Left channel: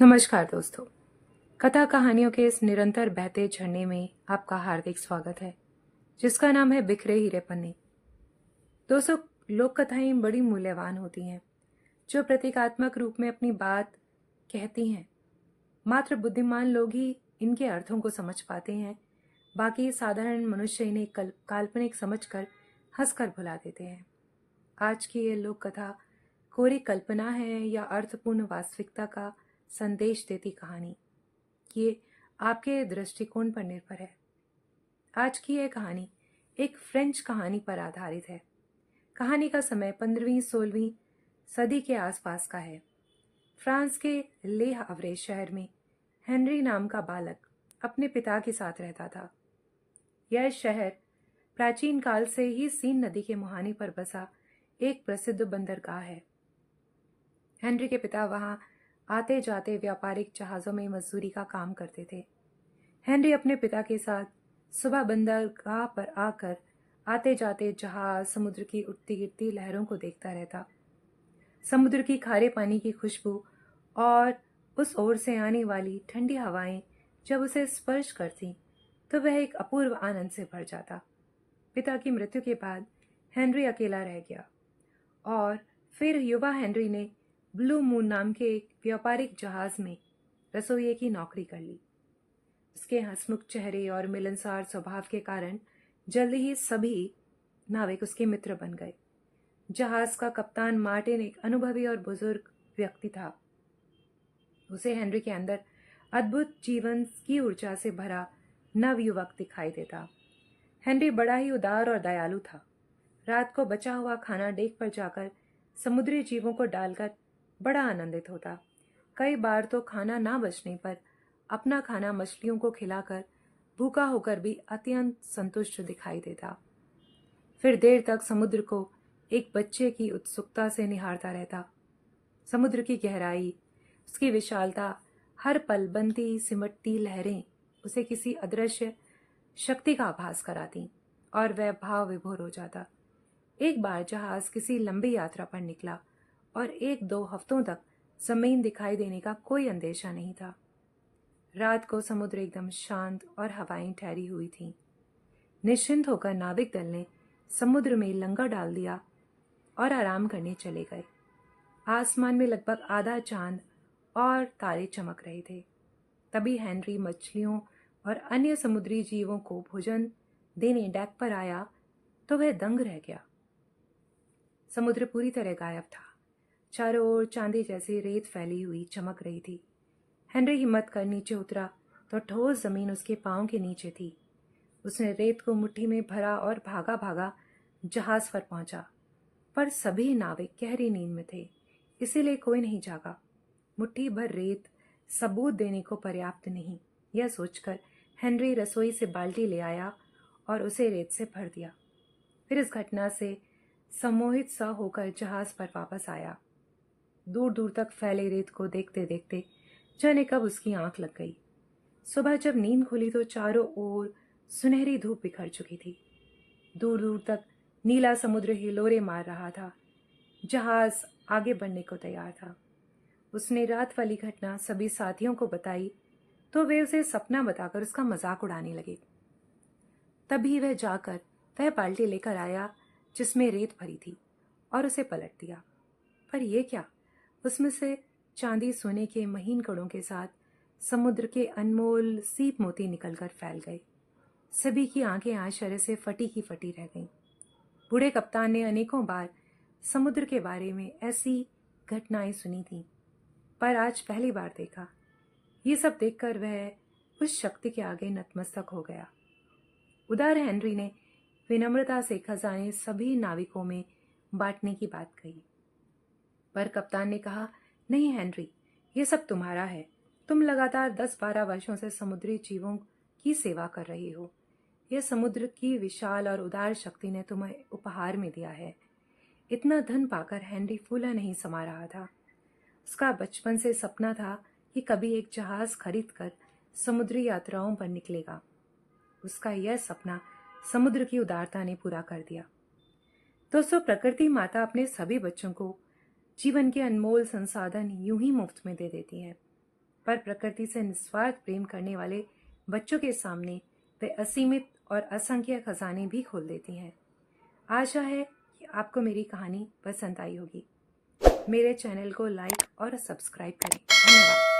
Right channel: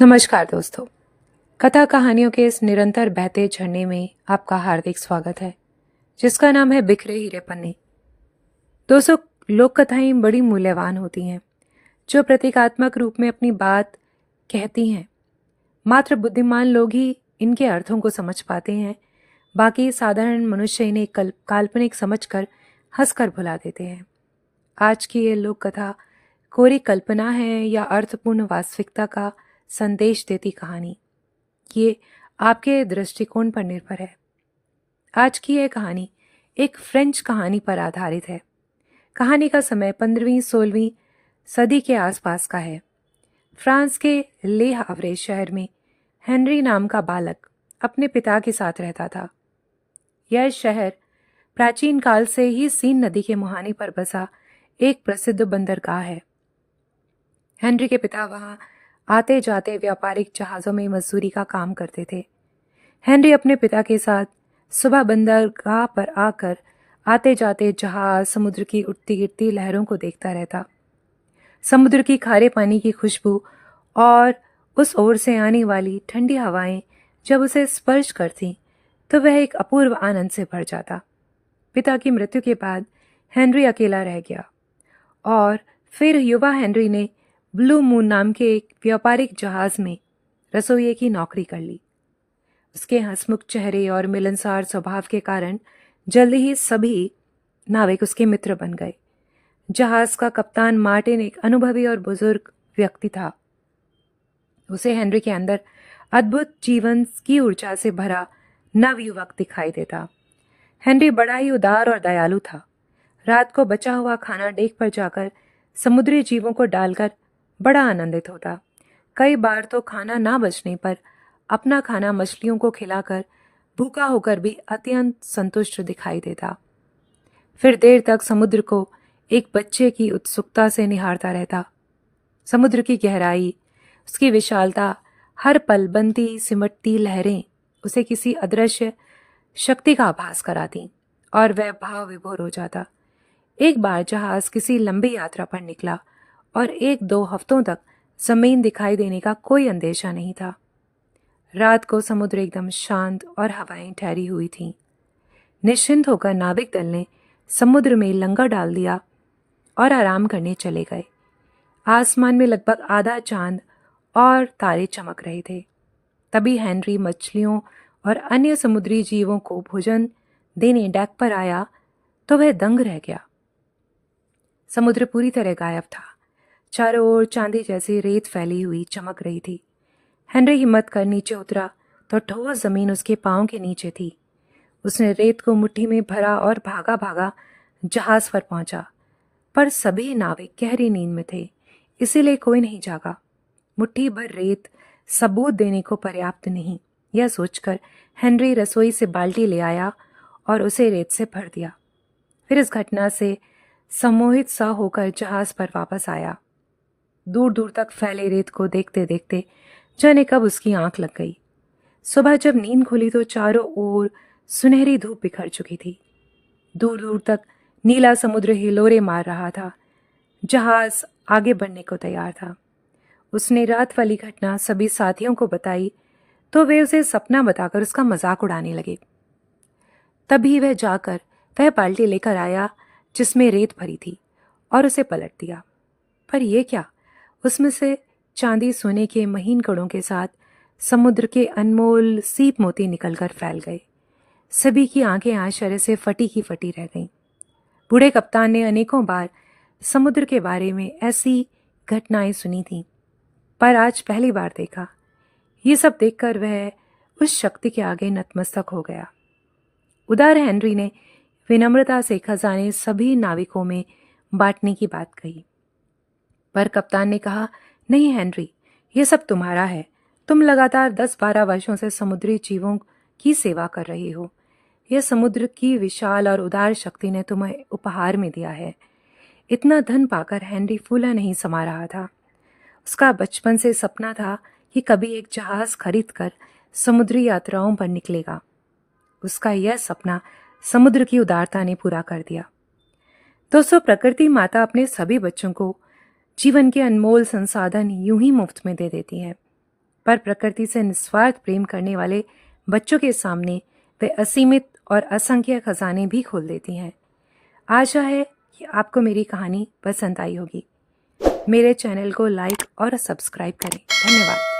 नमस्कार दोस्तों। कथा कहानियों के इस निरंतर बहते झरने में आपका हार्दिक स्वागत है, जिसका नाम है बिखरे हीरे पन्ने। दोस्तों, लोक कथाएं बड़ी मूल्यवान होती हैं, जो प्रतीकात्मक रूप में अपनी बात कहती हैं। मात्र बुद्धिमान लोग ही इनके अर्थों को समझ पाते हैं। बाकी साधारण मनुष्य इन्हें काल्पनिक समझकर हंसकर भुला देते हैं। आज की ये लोक कथा कोरी कल्पना है या अर्थपूर्ण वास्तविकता का संदेश देती कहानी, ये आपके दृष्टिकोण पर निर्भर है। आज की यह कहानी एक फ्रेंच कहानी पर आधारित है। कहानी का समय 15वीं-16वीं सदी के आसपास का है। फ्रांस के ले हावरे शहर में हेनरी नाम का बालक अपने पिता के साथ रहता था। यह शहर प्राचीन काल से ही सीन नदी के मुहाने पर बसा एक प्रसिद्ध बंदरगाह है। हेनरी के पिता वहां आते जाते व्यापारिक जहाज़ों में मजदूरी का काम करते थे। हेनरी अपने पिता के साथ सुबह बंदरगाह पर आकर आते जाते जहाज, समुद्र की उठती गिरती लहरों को देखता रहता। समुद्र की खारे पानी की खुशबू और उस ओर से आने वाली ठंडी हवाएं जब उसे स्पर्श करती तो वह एक अपूर्व आनंद से भर जाता। पिता की मृत्यु के बाद हेनरी अकेला रह गया और फिर युवा हेनरी ने ब्लू मून नाम के एक व्यापारिक जहाज में रसोइये की नौकरी कर ली। उसके हंसमुख चेहरे और मिलनसार स्वभाव के कारण जल्दी ही सभी नाविक उसके मित्र बन गए। जहाज का कप्तान मार्टिन एक अनुभवी और बुजुर्ग व्यक्ति था। उसे हेनरी के अंदर अद्भुत जीवन की ऊर्जा से भरा नवयुवक दिखाई देता। हेनरी बड़ा ही उदार और दयालु था। रात को बचा हुआ खाना डेक पर जाकर समुद्री जीवों को डालकर बड़ा आनंदित होता। कई बार तो खाना ना बचने पर अपना खाना मछलियों को खिलाकर भूखा होकर भी अत्यंत संतुष्ट दिखाई देता। फिर देर तक समुद्र को एक बच्चे की उत्सुकता से निहारता रहता। समुद्र की गहराई, उसकी विशालता, हर पल बनती सिमटती लहरें उसे किसी अदृश्य शक्ति का आभास कराती और वह भाव विभोर हो जाता। एक बार जहाज किसी लंबी यात्रा पर निकला और 1-2 हफ्तों तक जमीन दिखाई देने का कोई अंदेशा नहीं था। रात को समुद्र एकदम शांत और हवाएं ठहरी हुई थीं। निश्चिंत होकर नाविक दल ने समुद्र में लंगर डाल दिया और आराम करने चले गए। आसमान में लगभग आधा चांद और तारे चमक रहे थे। तभी हेनरी मछलियों और अन्य समुद्री जीवों को भोजन देने डेक पर आया तो वह दंग रह गया। समुद्र पूरी तरह गायब था। चारों ओर चांदी जैसी रेत फैली हुई चमक रही थी। हेनरी हिम्मत कर नीचे उतरा तो ठोस जमीन उसके पांव के नीचे थी। उसने रेत को मुट्ठी में भरा और भागा भागा जहाज पर पहुंचा, पर सभी नाविक गहरी नींद में थे, इसीलिए कोई नहीं जागा। मुट्ठी भर रेत सबूत देने को पर्याप्त नहीं, यह सोचकर हेनरी रसोई से बाल्टी ले आया और उसे रेत से भर दिया। फिर इस घटना से सम्मोहित सा होकर जहाज पर वापस आया। दूर दूर तक फैले रेत को देखते देखते जाने कब उसकी आंख लग गई। सुबह जब नींद खुली तो चारों ओर सुनहरी धूप बिखर चुकी थी। दूर दूर तक नीला समुद्र हिलोरे मार रहा था। जहाज आगे बढ़ने को तैयार था। उसने रात वाली घटना सभी साथियों को बताई तो वे उसे सपना बताकर उसका मजाक उड़ाने लगे। तभी वह बाल्टी लेकर आया जिसमें रेत भरी थी और उसे पलट दिया। पर यह क्या, उसमें से चांदी सोने के महीन कणों के साथ समुद्र के अनमोल सीप मोती निकलकर फैल गए। सभी की आंखें आश्चर्य से फटी की फटी रह गईं। बूढ़े कप्तान ने अनेकों बार समुद्र के बारे में ऐसी घटनाएं सुनी थीं, पर आज पहली बार देखा। ये सब देखकर वह उस शक्ति के आगे नतमस्तक हो गया। उदार हेनरी ने विनम्रता से खजाने सभी नाविकों में बांटने की बात कही, पर कप्तान ने कहा, नहीं हेनरी, ये सब तुम्हारा है। तुम लगातार 10-12 वर्षों से समुद्री जीवों की सेवा कर रहे हो। यह समुद्र की विशाल और उदार शक्ति ने तुम्हें उपहार में दिया है। इतना धन पाकर हेनरी फूला नहीं समा रहा था। उसका बचपन से सपना था कि कभी एक जहाज खरीदकर समुद्री यात्राओं पर निकलेगा। उसका यह सपना समुद्र की उदारता ने पूरा कर दिया। दोस्तों, प्रकृति माता अपने सभी बच्चों को जीवन के अनमोल संसाधन यूं ही मुफ्त में दे देती है। पर प्रकृति से निस्वार्थ प्रेम करने वाले बच्चों के सामने वे असीमित और असंख्य खजाने भी खोल देती हैं। आशा है कि आपको मेरी कहानी पसंद आई होगी। मेरे चैनल को लाइक और सब्सक्राइब करें। धन्यवाद।